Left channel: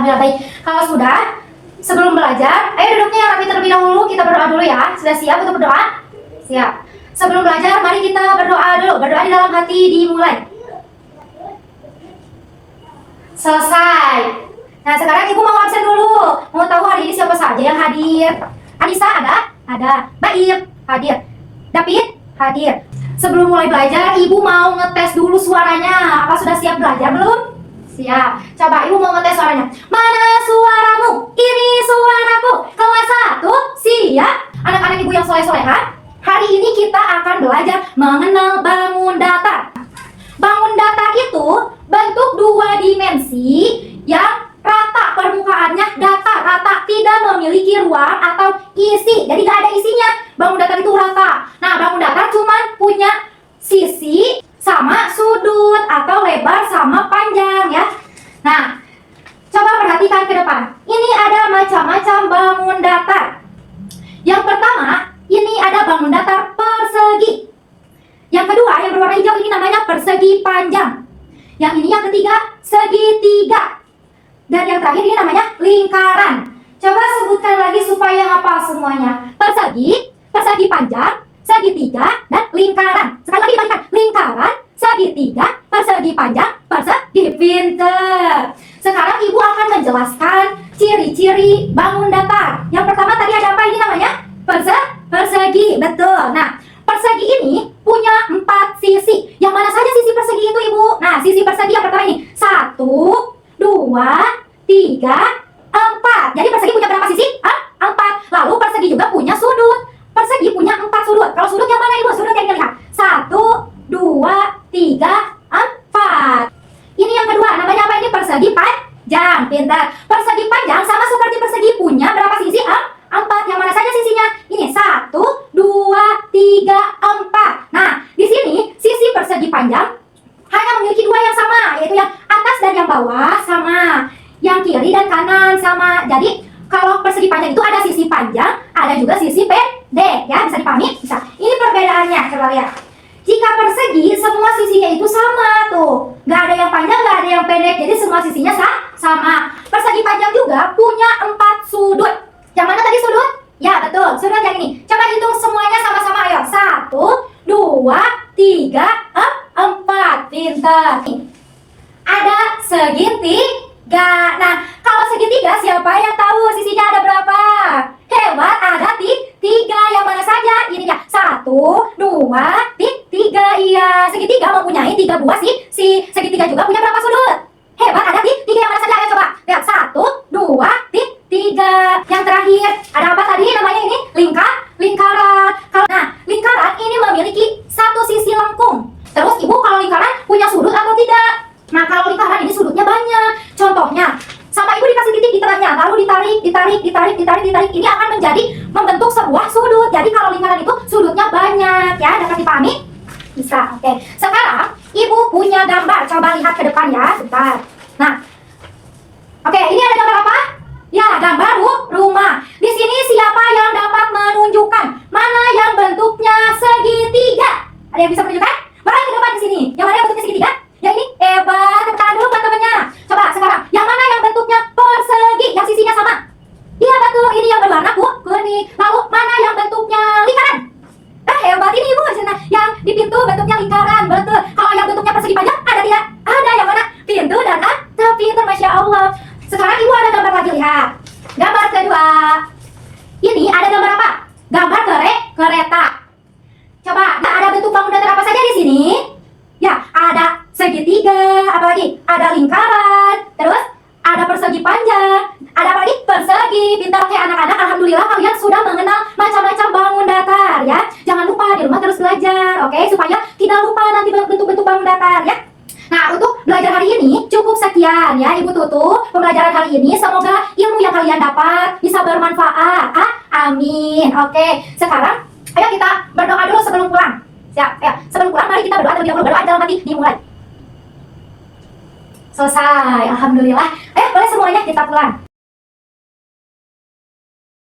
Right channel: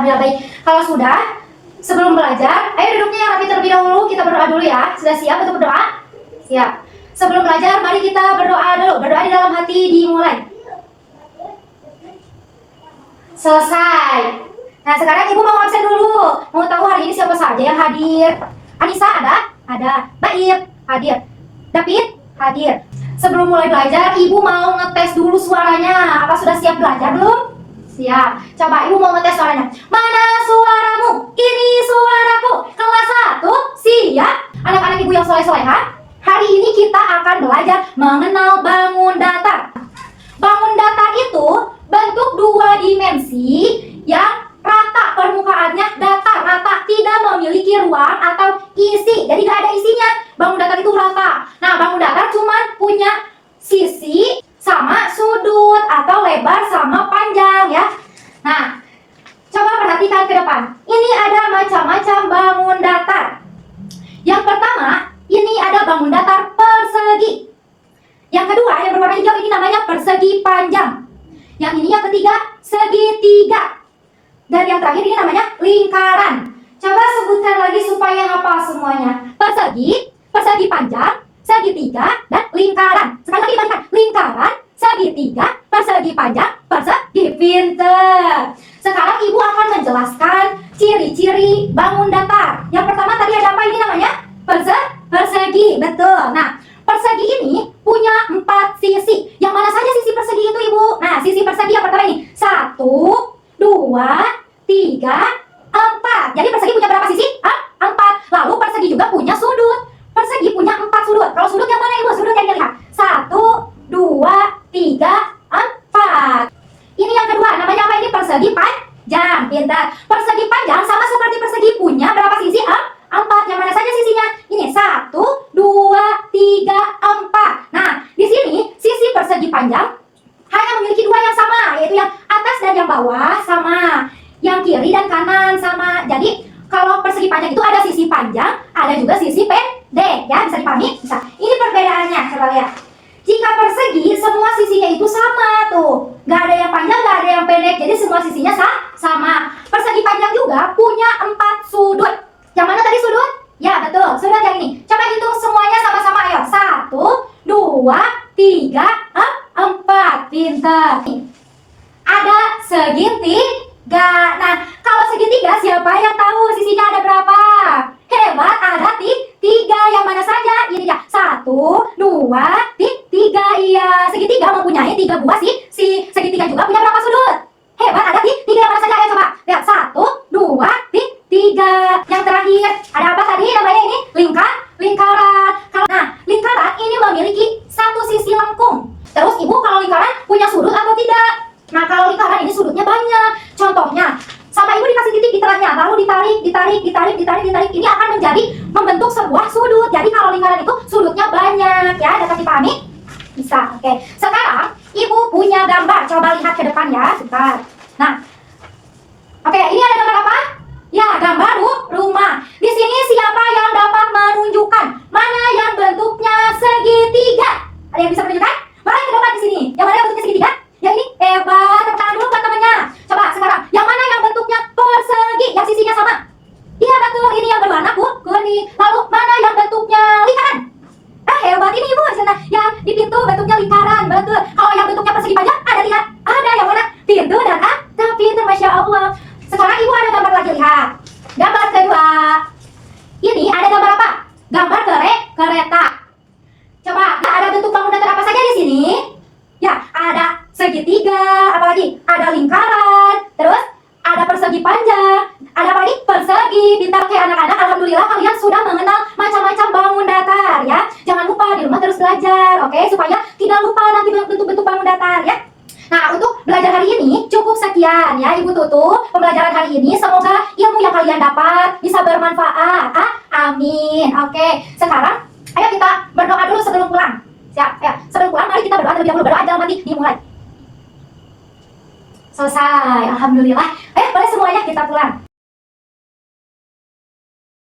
Alhamdulillah baik. Kalau sudah, sebelum belajar, ayo duduknya rapi terlebih dahulu. Kita berdoa dulu ya. Sudah siap untuk berdoa? Siap. Sebelum belajar, mari kita berdoa dulu. Berdoa di dalam hati dimulai. Selesai. Nah, sekarang ibu mau absen dulu. Mau tahu hari ini siapa saja yang hadir? Anissa ada? Ada. Baik, hadir. David? Hadir. Sebelum mulai belajar, ibu mau ngetes dulu suaranya. Apa sudah siap belajar belum? Siap. Coba ibu mau ngetes suaranya. Mana suaramu? Ini suaraku. Kelas 1, siap. Anak-anak ibu yang soleh-solehan, hari ini kita akan belajar mengenal bangun datar. Bangun datar itu bentuk 2 dimensi yang rata permukaannya, datar, rata, tidak memiliki ruang atau isi. Jadi gak ada isinya. Bangun datar itu rata. Nah, bangun datar cuman punya sisi sama sudut atau lebar sama panjang ya. Nah, coba perhatikan ke depan. Ini ada macam-macam bangun datar. Yang pertama, ini ada bangun datar persegi. Yang kedua, yang berwarna hijau ini namanya persegi panjang. Yang ini yang ketiga, segitiga. Dan yang terakhir ini namanya lingkaran. Coba sebutkan lagi supaya hafal semuanya. Persegi, persegi panjang, segitiga, dan lingkaran. Sekali lagi balikan. Lingkaran, segitiga, persegi panjang, persegi. Pinter. Sekarang ibu akan menjelaskan ciri-ciri bangun datar. Yang pertama tadi ada apa ini namanya? Persegi. Betul. Nah, persegi ini punya 4 sisi. Yang mana saja sisi persegi itu, ibu? Nah, sisi persegi yang pertama ini 1, 2, 3, 4. Jadi persegi punya berapa sisi? 4. Lalu persegi juga punya sudut. Persegi punya 4 sudut. Kalau sudut yang mana, ibu? Sudut yang dilihat. 1, 2, 3, 4. Ini yang kedua. Namanya apa ini? Persegi panjang. Pintar. Persegi panjang sama seperti persegi punya berapa sisi? 4. Yang mana saja sisinya? Ini 1, 2, 3, 4. Nah, di sini sisi persegi panjang hanya memiliki 2 yang sama, yaitu yang atas dan yang bawah sama, yang kiri dan kanan sama. Jadi kalau persegi panjang itu ada sisi panjang, ada juga sisi pendek, ya bisa dipahami? Bisa. Ini perbedaannya, coba lihat. Jika persegi semua sisinya itu sama tuh, nggak ada yang panjang, nggak ada yang pendek, jadi semua sisinya sama. Persegi panjang juga punya 4 sudut. Yang mana tadi sudut? Ya betul, sudut yang ini. Coba hitung semuanya sama-sama, ayo. 1, 2, 3, 4. Pinter. Ada segitiga. Nah, kalau segitiga siapa yang tahu sisinya ada berapa? Hebat, ada 3. Yang mana saja? Ini ya. 1, 2, 3. Iya, segitiga mempunyai 3 buah si segitiga juga punya berapa sudut? Hebat, ada 3. Yang mana saja? Ayo coba. Lihat, 1, 2, 3. Yang terakhir, ada apa tadi namanya ini? Lingkaran. Nah, lingkaran ini memiliki 1 sisi lengkung. Terus ibu, kalau lingkaran punya sudut atau tidak? Nah, kalau lingkaran ini sudutnya banyak. Contohnya, sama ibu dikasih titik di tengahnya, lalu ditarik. Ini akan membentuk sebuah sudut. Jadi kalau lingkaran itu sudutnya banyak, ya. Dapat dipahami? Bisa. Oke. Sekarang ibu punya gambar. Coba lihat ke depan ya, sebentar. Nah, oke, ini ada gambar apa? Ya, gambar rumah. Di sini siapa yang dapat menunjukkan mana yang bentuknya segitiga? Ada yang bisa menunjukkan? Balik ke depan di sini. Yang mana yang bentuknya segitiga? Yang ini. Hebat. Tepuk tangan dulu buat temennya. Coba sekarang, yang mana yang bentuknya persegi? Yang sisinya sama? Iya betul. Ini yang berwarna kuning. Lalu mana yang bentuknya lingkaran? Hebat ini ibu. Yang di pintu bentuknya lingkaran. Betul. Kalau yang bentuknya persegi panjang ada tidak? Ada. Yang mana? Pintu dan pintu. Masya Allah. Sekarang ibu ada gambar lagi, lihat. Gambar kedua. Ini ada gambar apa? Gambar kereta. Coba, ya, ada bentuk bangun datar apa saja di sini? Ya, ada segitiga, apa lagi? Ada lingkaran, terus ada persegi panjang, ada apa lagi? Persegi. Pintar kayak anak-anak. Alhamdulillah kalian sudah mengenal macam-macam bangun datar, ya. Jangan lupa di rumah terus belajar, oke? Supaya tidak lupa nanti bentuk-bentuk bangun datar, ya. Nah, untuk belajar hari ini cukup sekian ya, Ibu tutup pembelajaran hari ini. Semoga ilmu yang kalian dapat bisa bermanfaat. Amin. Oke, sekarang ayo kita berdoa dulu sebelum pulang. Siap? Ya, sebelum pulang mari kita berdoa terlebih dahulu. Berdoa dalam hati dimulai. Selesai. Alhamdulillah. Ayo boleh semuanya kita pulang.